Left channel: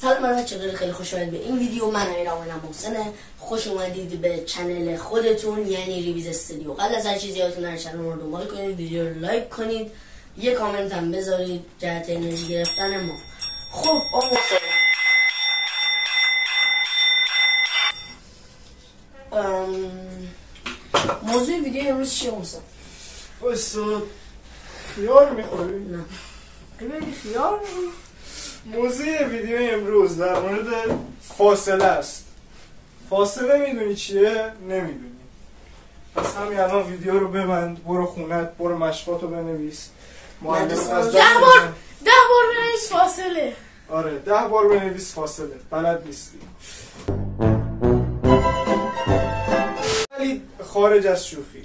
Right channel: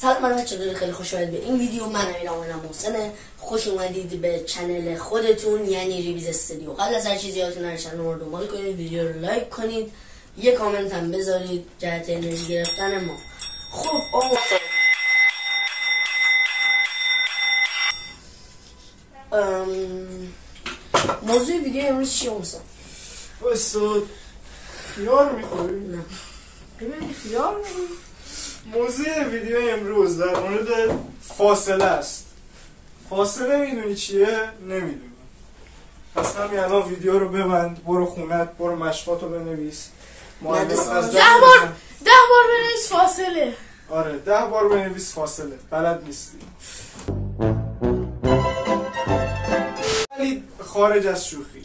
سلام بچه‌ها، خیلی خوش اومدید به این ویدیو. من امیرم محسنه. خوش اومدید به چنل خودتون، یعنی ریویز استودیو. قبل از هر چیزی یادتون نره چنل رو دنبال کنید، ویدیو رو لایک کنید، یه کامنت هم بذارید جهت انرژی گرفتن ما. خب موضوع ویدیو امروز چیه محسن؟ بایستا خیار میخوریم؟ نه ببینی خیار میخوریم؟ موضوع ویدیو امروز در مورد فاصله است. فاصله میدونی چیه؟ نمیدونی. پس همین الان ویدیو رو ببند، برو خونت، برو مشقاتو بنویس. معلم از 10 بار بنویس فاصله. آره 10 بار بنویس فاصله. بلد نیستی. ولی خارج از شوخی،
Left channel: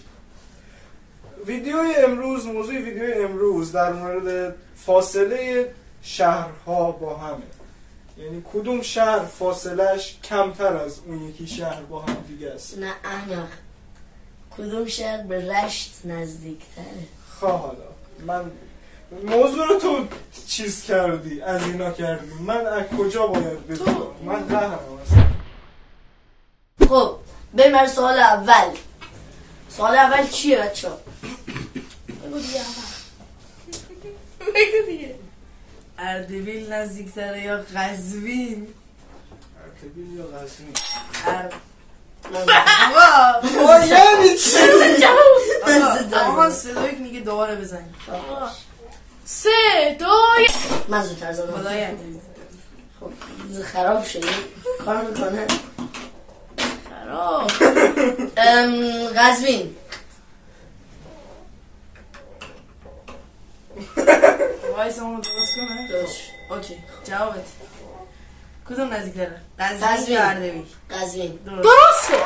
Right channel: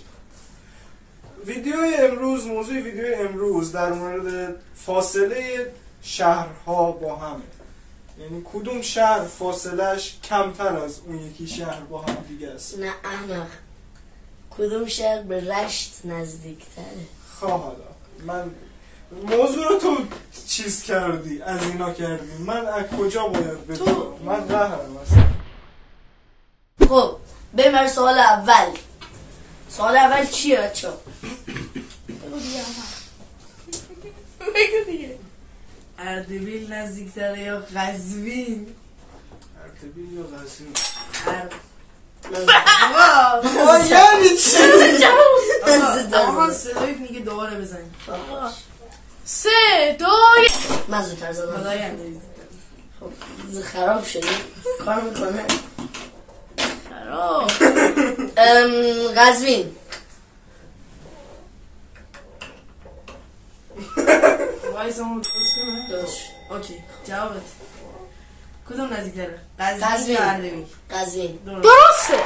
موضوع ویدیو امروز در مورد فاصله شهرها با همه. یعنی کدوم شهر فاصلهش کمتر از اون یکی شهر با هم دیگه است. نه احمق، کدوم شهر به رشت نزدیکتره؟ خواه حالا من موضوع رو تو چیز کردی، از اینا کردی، من از کجا باید بدونم؟ من قهرم اصلا. خب بریم سوال اول. سوال اول چیه بچه ها؟ بگو دیگه بگو دیگه. اردبیل نزدیکتره یا قزوین؟ اردبیل یا قزوین؟ آقا یعنی چی؟ آقا 3-2-1 میگه دوباره بزنیم. 3-2-1 من زودتر زدم. خدایا خب خراب شدی کار میکنه. خراب. قزوین. وایس همون درست کنه. درست. اوکی جوابت کدوم نزدیکتره؟ قزوین یا اردبیل؟ قزوین. درسته.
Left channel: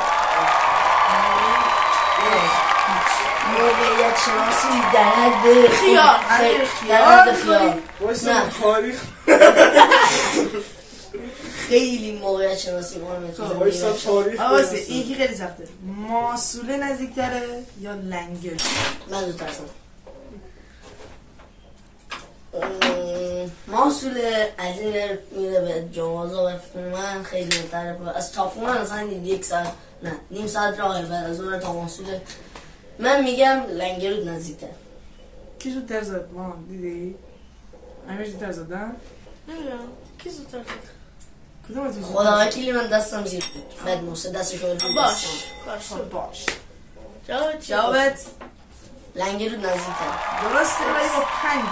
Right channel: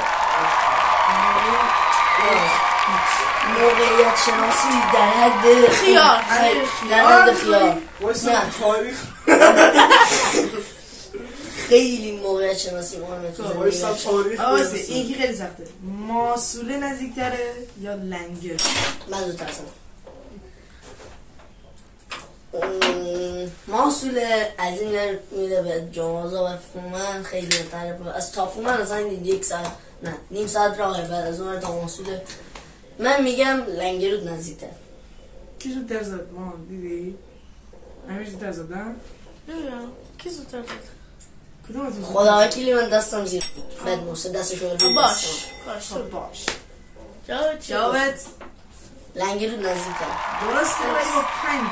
موقعیت شناسی در حد خیار. در حد خیار. وایسا تاریخ خیلی موقعیت شناسی مهمه تو وایسا زندگی. تاریخ آوازه این که خیلی سخته. ماسوله نزدیکتره یا لنگر؟ من زودتر زدم. محصوله از این میره به جوازا و فومن خیلی طرفه. از تا فومن اصلا 1 ساعت نه نیم ساعت راهه. بعد از اون تا محصوله من میگم لنگرود نزدیکتر. کی زودتر زد؟ ما دیدی؟ امیر زودتر زدن؟ نمیدونم کی زودتر زد؟ کدوم خدا وکیلی من دستم زیر بود. بعد محسن دستشو رو باش باش جوابت لنگرود نزدیکتر. درسته ولی 5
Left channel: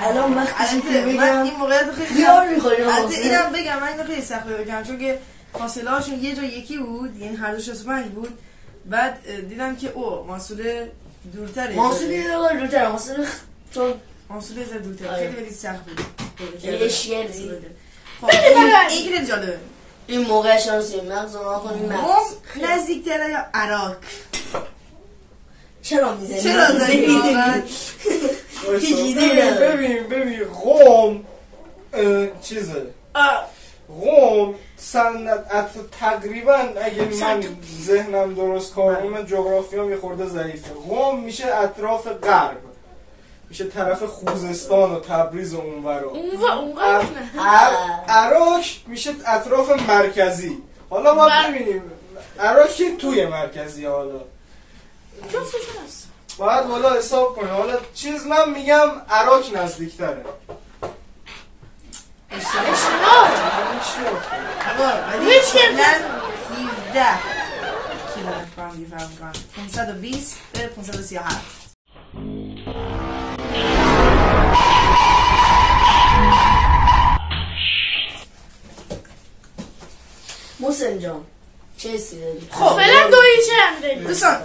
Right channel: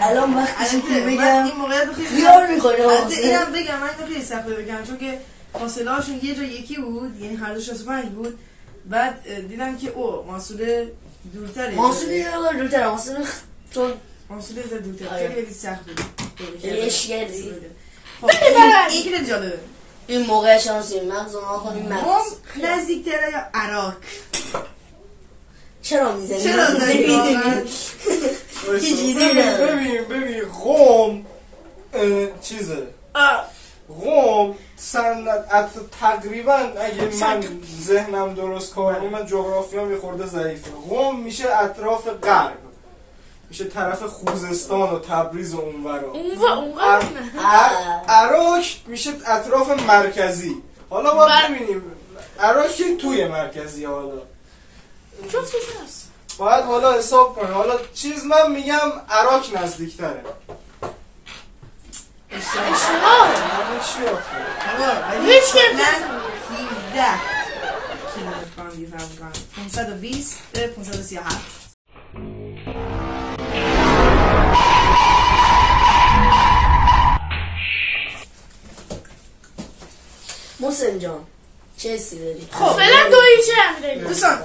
الان وقتی که بگم این موقعیت خیلی خیار میخوره. اینم بگم من اینو خیلی سخت بگم چون که فاصله هاشون یه جا یکی بود، یعنی هر دو 65 بود. بعد دیدم که ماسوله دورتره. ماسوله دورتره. ماسوله زد دورتره. خیلی سخت بود. اشگردی. خب این خیلی جالبه. این موقع شانسی مغز رو کنیم. مغز نزدیکتره یا عراق؟ چرا میزنی؟ چرا میزنی؟ ببین قم چیزه. قم تقریبا اگه من ذهنم درست کار کنم، من جغرافیام یه خورده ضعیفه. قم میشه اطراف غرب، میشه طرف خوزستان و تبریز و اونورا. عراق میشه اطراف مرکزی. حالا باید ببینیم عراق که توی مرکزی. حالا جفتش هست. باید حالا حساب کنیم. حالا چیز من میگم عراق نزدیکتره. هیچ کم 17 کیلومتر با هم دیگه فرق میکنن. 520 به 537. محسن جان چه حسی داری؟ خب فعلا 2-1 امیرعلی. دوستان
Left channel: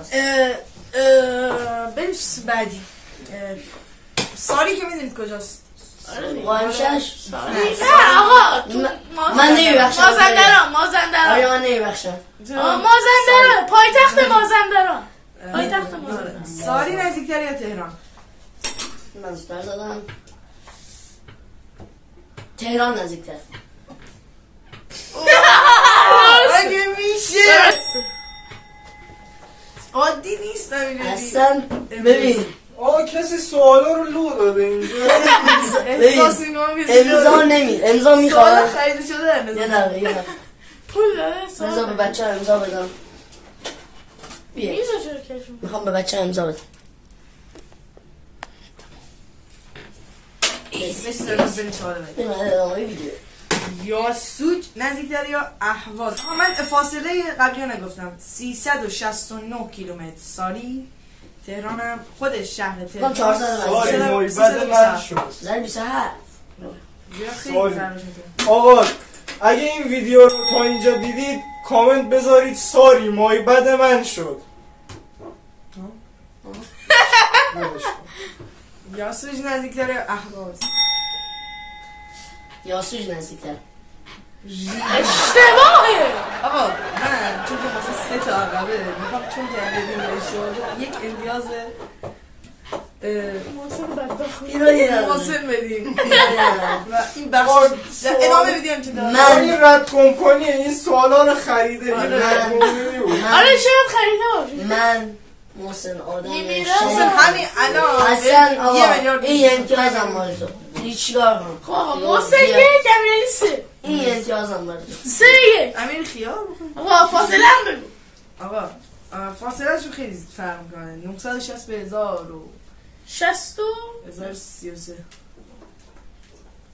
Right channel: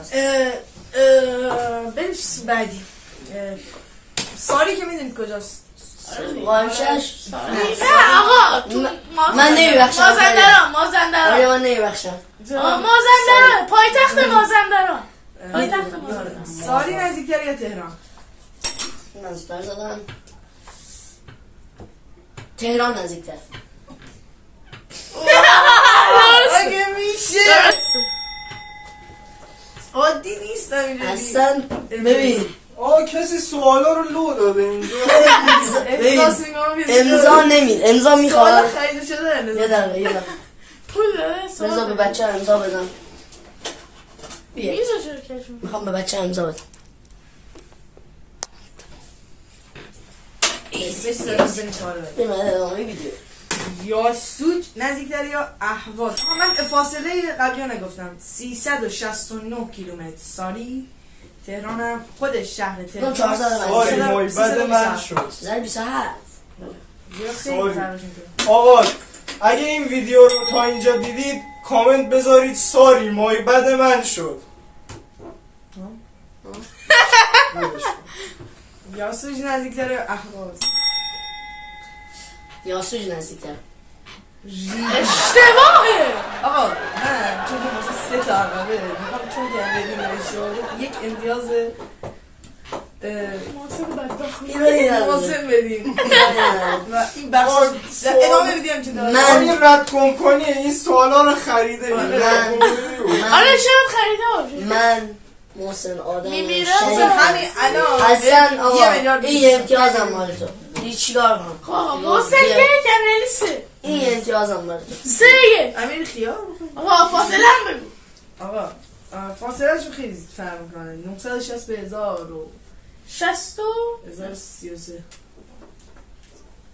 بریم بعدی. ساری که میدونید کجاست؟ قائم شش؟ نه آقا من نمیبخشم. مازندران. آره من نمیبخشم. مازندران پایتخت مازندران. ساری نزدیکتره یا تهران؟ من زودتر زدم. تهران نزدیکتر. اگه میشه عادی نیست. اصلا ببین کسی سوالا رو لو داده اینجا. امضا نمید، امضا میخواد. خرید شده. یه دقیقه پول داره امضا به بچه امضا بدم. بیا میزا چرا کشم میخوام به بچه امضا بدم. بریم ادامه ویدیو. یاسوج نزدیکتر یا اهواز. من فاصله قبلی نگفتم 369 کیلومتر ساری. تهرانم خودش شهر تهران. ساری محبت من شد. زن 27. آقا اگه این ویدیو رو تا اینجا دیدید کامنت بذارید ساری محبت من شد. یاسوج نزدیکتر یا اهواز. یاسوج نزدیکتر. اشتباهه. آقا نه چون که مثلا 3 تا عقبه میخوام چون که بدیم اشاره یک امتیاز محسن بدبخت محسن بدیم. این بخش ادامه بدیم چون من رد کنی این سوالا رو خریده. آره شاید خریده باشه. من محسن آدم همین الان اصلا آقا این امتیازم مال تو. چیکار کنم؟ خب آقا محسن یک امیلی 3. این امتیازم مال تو. 3 1. امیر خیال آقا فاصله هم بگو. آقا فاصله شو خیلی فرق میکنه. 960 به 1033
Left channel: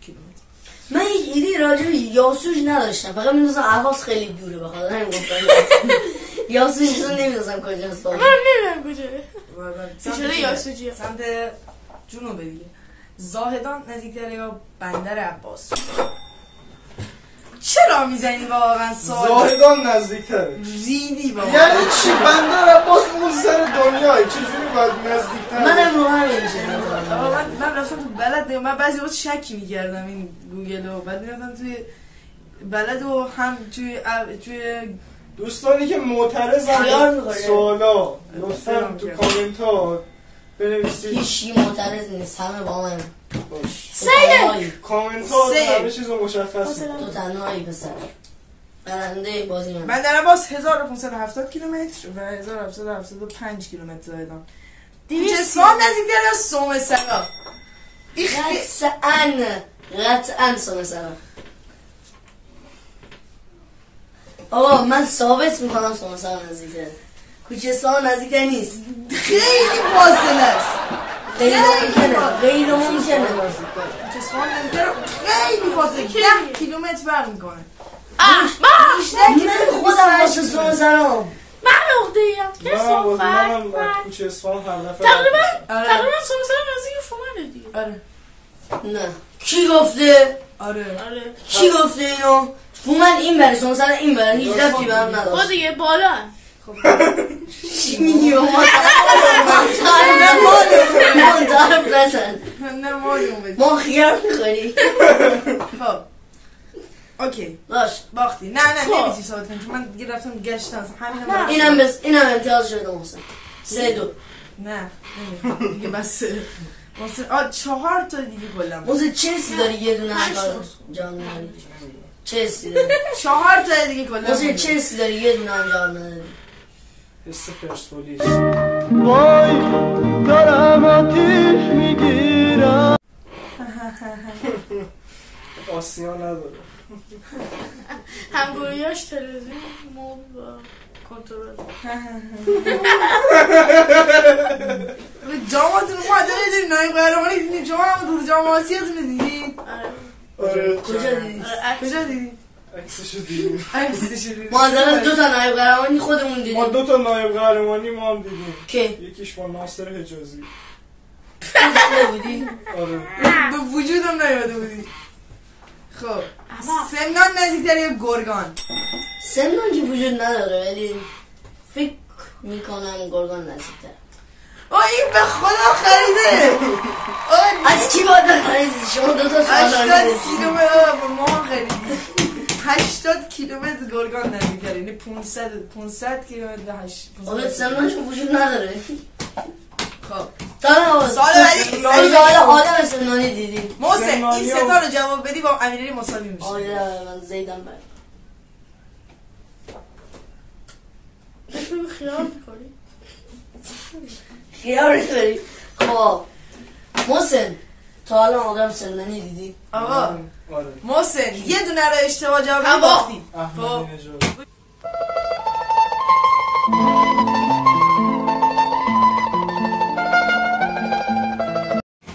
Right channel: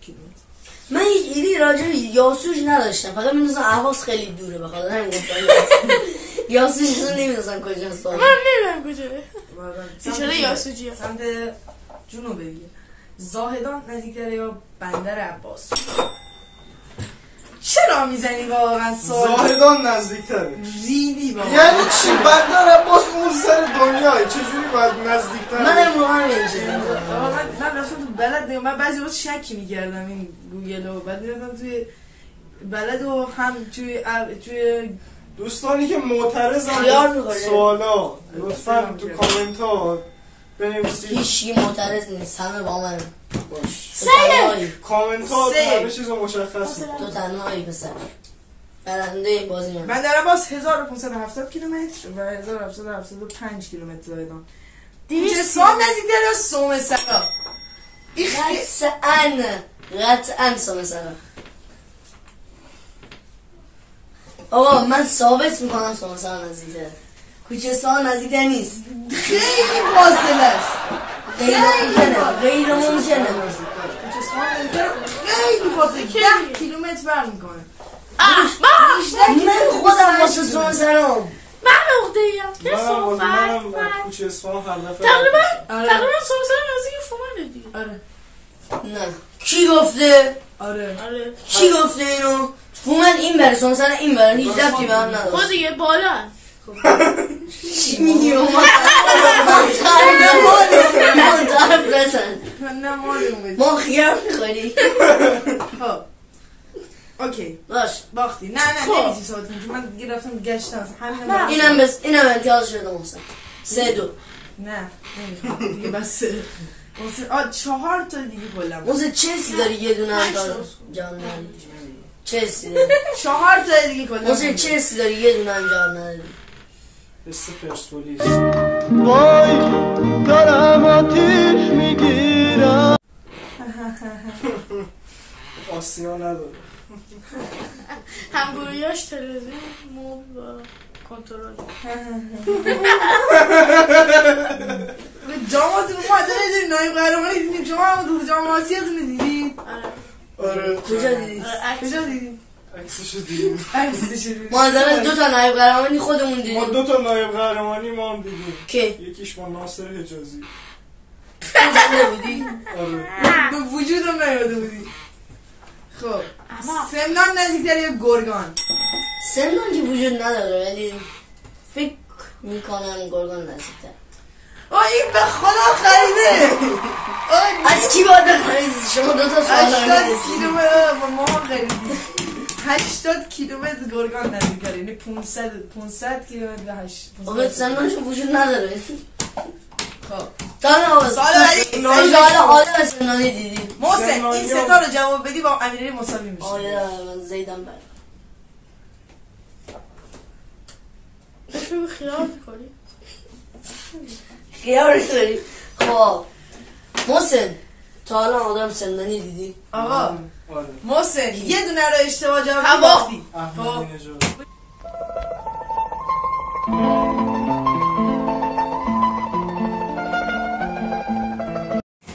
کیلومتر. من هیچ ایدی راجع به یاسوج نداشتم، فقط میدونستم اهواز خیلی دوره، بخاطر همین گفتم یاسوج رو نمیدونستم کجاست. من نمیدونم کجاست. چرا یاسوجیه؟ سمت جنوب دیگه. زاهدان نزدیکتر یا بندر عباس. چرا میزنی واقعا سوال؟ زاهدان نزدیکتره. ریدی بابا. یعنی چی؟ بندر عباس اون سر دنیای چجوری باید نزدیکتر؟ من امروز هم اینجوری من رفتم تو بلد، من بعضی وقت شکی میکردم این گوگل رو، بعد میرفتم توی بلد و هم توی دوستانی که معترضن سوالا لطفاً تو کامنت ها بنویسید. هیچی معترض نیست، همه با من باش. سه کامنت ها همه چیز رو مشخص تو تنهایی پسر برنده بازی من دارم باز 1570 کیلومتر و 1775 کیلومتر زایدان. دیگه سال نزدیکتر یا سومه سرا؟ قطعاً سومه سرا. آقا من ثابت میکنم سومه سرا نزدیکتره. کوچستان نزدیکتر نیست. خیلی فاصله است. غیر ممکنه. کوچستان نزدیکتر خیلی فاصله 10 کیلومتر برمی میکنه. من خودم واسه سومه سرام من نقطه ایم که صحبت تقریبا سومه سرا نزدیک فومنه دیگه. آره نه کی گفته؟ آره کی گفته اینو؟ فومن این بره سومه سرا این بره هیچ رفتی به هم نداشت. خود دیگه بالا چی میگی من تعریف نزن ما خیار میخوری. خب اوکی باش باختی. نه نمیسی ساعت کنی چون من دیگه رفتم گشتم. اینم امتیاز شده محسن 3-2. نه نمیخوام دیگه بس. محسن 4 تا دیگه کلا محسن چه حسی داری یه دونه انگار جان نداری؟ چه حسی داری؟ 4 تا دیگه کلا محسن چه حسی داری یه دونه انجام نداری؟ حس پرسپولیس. وای دارم آتیش میگیرم. آسیا نداره. همگویاش تلویزیون موبیل با کنترل. جامعاتون اومده میدونی نایب قهرمانی دیدیم. شما هم تو جامعه آسیاتون دیدید؟ آره کجا دیدید؟ کجا دیدید؟ عکسشو دیدیم. ما از 2 تا نایب قهرمانی خودمون ما دیدیم. 2 تا نایب قهرمانی ما هم دیدیم. که؟ یکیش با ناصر حجازی. دیدید؟ آره به وجودم نیاده بودی. خب سمنان نزدیکتر یا گرگان؟ سمنان که وجود نداره ولی فکر میکنم گرگان نزدیکتر. این به خدا خریده. از کی باید بخرید؟ شما 2 تا سال 80 کیلومتر با ما خریدیم. 80 کیلومتر گرگان نزدیکتر، یعنی 500 کیلومتر به 8. آقا سمنان چون وجود نداره. خب سال آدم سمنانی دیدیم. محسن این 3 تا رو جواب بدی با امیرعلی مساوی میشه. آیا من زیدم بر بهش بگو خیال میکنی. خیار میکنی. خب خب محسن تا حالا آدم سندنی دیدی؟ آقا آره محسن یه دونه رو اشتباه جواب هوا. باختی. احمدی نژاد.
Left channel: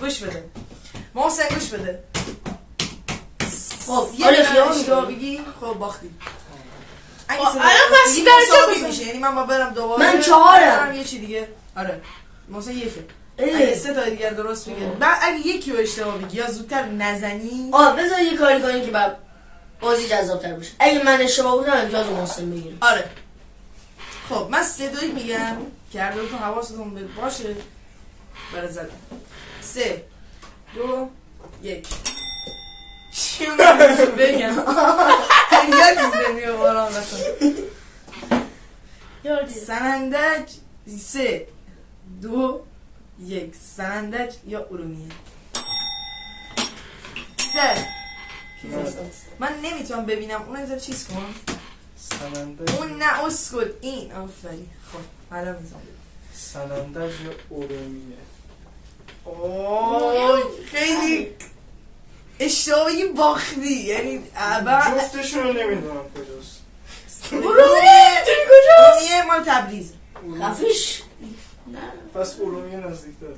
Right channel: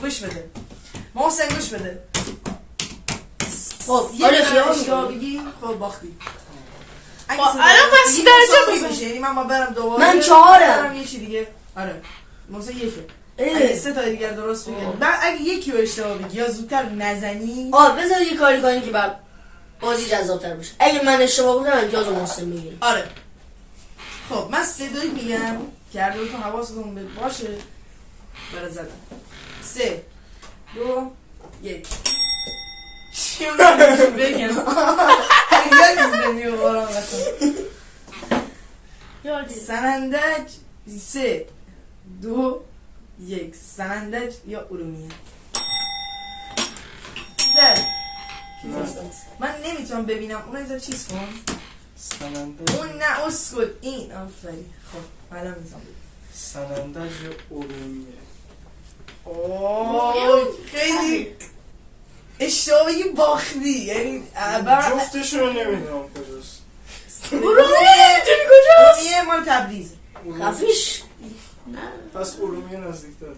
گوش بده محسن گوش بده. خب یه آره دونه خیال اشتباه میکنم. بگی خب باختی. الان پس چی درجه میشه؟ میشه؟ یعنی من برم دوباره من 4م. برم یه چی دیگه. آره محسن یکه. اه. اگه 3 تا دیگر درست بگی بعد اگه یکی رو اشتباه بگی یا زودتر نزنی بذار یه کاری کنیم که بعد بازی جذاب‌تر بشه. اگه من اشتباه بودم امتیاز رو محسن بگیرم. آره. خب من 3 2 میگم که هر دوتون حواستون باشه برای زدن. 3 2 1 چی میگم بگم یادی باران رسم یادی سنندج 3 2 1 سنندج یا ارومیه زد من نمیتونم ببینم اون از چیز کن سنندج اون نه اسکل این آفرین خب حالا میزنم سنندج یا ارومیه. اوه خیلی اشتباهی باختی یعنی جفتشون رو نمیدونم کجاست. ارومیه مال تبریز خفیش پس ارومیه نزدیک داره.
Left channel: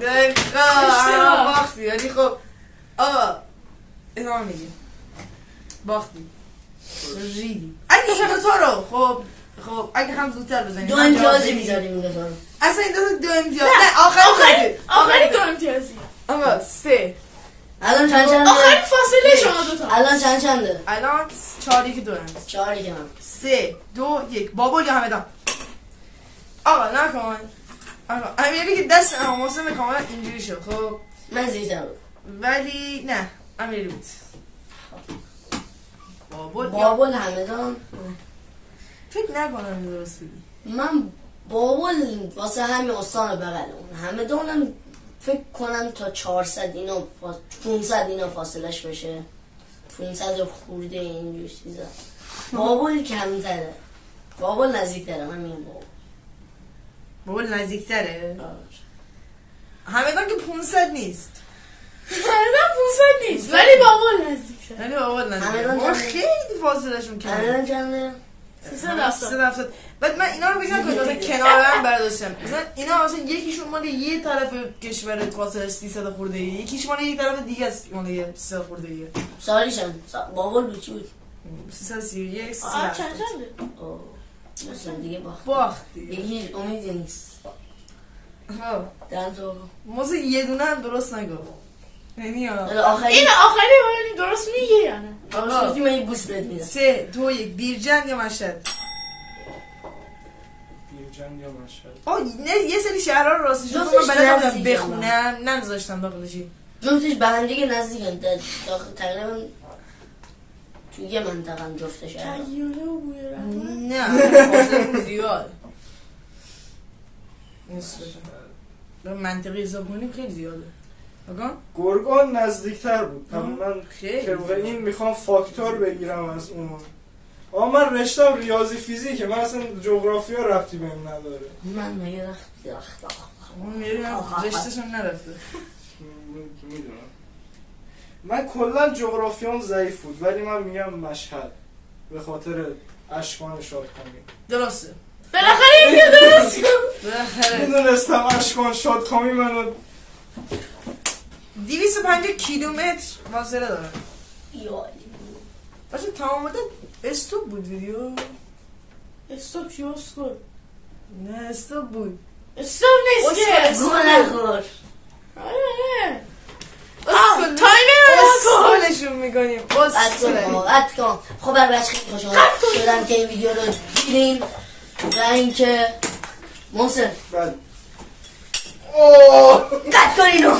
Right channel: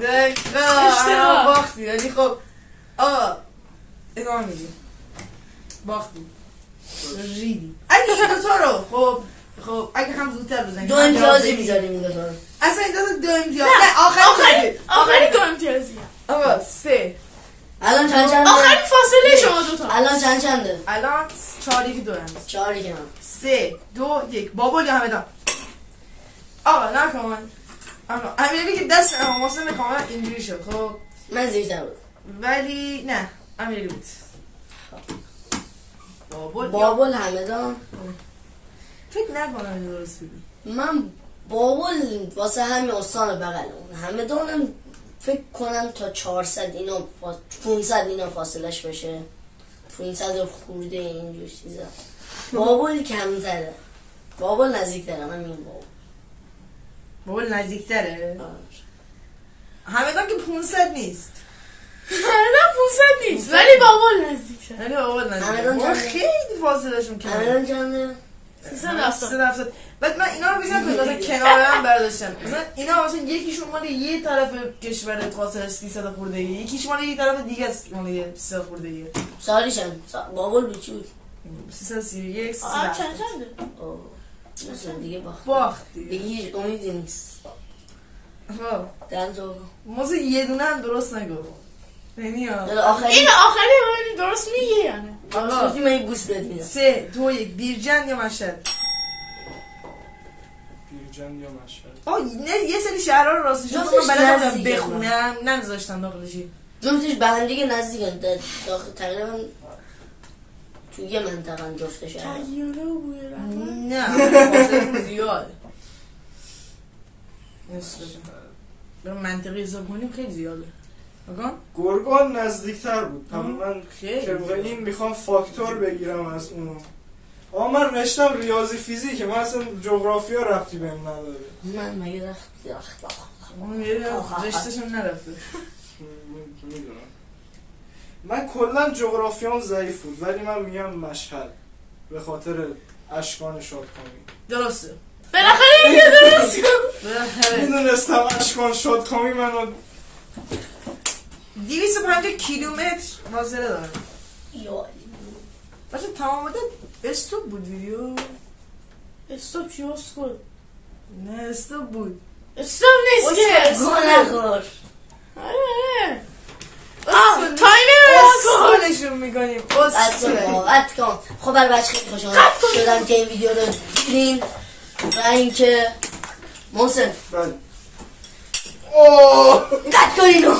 دقیقا باختی یعنی خب آقا ادامه میدیم باختی ریدی اگه دوتا رو خب اگه هم زودتر بزنیم 2 امتیازی میذاریم این دوتا رو. اصلا این دوتا 2 امتیاز نه آخری دو امتیازی. آقا 3 الان چند چنده؟ آخری فاصله شما دوتا. الان چند چنده؟ الان 4 1 2 4 که من 3 2 1 بابول هم ادام آقا نکن آقا امیری که دست محسن کاملا اینجوری شد خب من زیرتر بود. ولی نه امیری بود بابل همدان. فکر نکنم درست بگی من بابل واسه همین استان بغلم همدانم فکر کنم تا 400 اینا 500 اینا فاصلش بشه 500 خورده اینجور چیزا. بابل کمتره بابل نزدیکتره. من میگم بابل نزدیکتره همدان که 500 نیست همدان 500 نیست ولی بابل نزدیکه. یعنی بابل همدان نزدیکتره چنده؟ خیلی فاصلشون کمه الان چنده؟ 370. بعد من اینا رو بگم که مثلا کنار هم برداشتم مثلا اینا مثلا یکیشون مال یه طرف کشور فاصله 300 خورده ای یکیش مال یه طرف دیگه است مال 300 خورده ای سالی چند؟ بابل بود چی بود؟ 331 چند چنده؟ مثلا دیگه باختی دیگه امیدی نیست. ها دنزو موزه یه دونه هم درست نگفت یعنی آخری این آخری ولی درست میگه یا نه؟ آقا سوزی من یه بوست بهت میدم. 3 2 1 بیرجند یا مشهد بیرجند یا مشهد. آه نه یه سری شهرها رو راستی جون جفتش من بلد نزدیکه بخونم نمیذاشتم داخلشی جفتش به هم دیگه نزدیکن تقریبا تو یه منطقه هم جفتش هست. تغییره و بوی رفت. نه فاصله زیاد به منطقه حساب کنیم خیلی زیاده بگم گرگان نزدیکتر بود. من خیلی طبق این میخوام فاکتور بگیرم از اون. من رشتم ریاضی فیزیک من اصلا جغرافیا ربطی بهم نداره. من مگه رشتش هم نرفته میدونم. من کلا جغرافیام ضعیف بود ولی من میگم مشهد به خاطر اشکان شادکامی. درسته بالاخره اینو درست کن. بالاخره میدونستم اشکان شادکامی منو 250 کیلومتر فاصله داره یا واسه تمام مدت استوب بود ویدیو استوب چی اسکل؟ نه استوب بود استوب نیست که گوه نخور. تایمر رو کن. اسکولشون میکنیم قطع کن. خب بچه خیلی خوشم شدم که این ویدیو رو دیدین و اینکه محسن بله قطع کن اینو.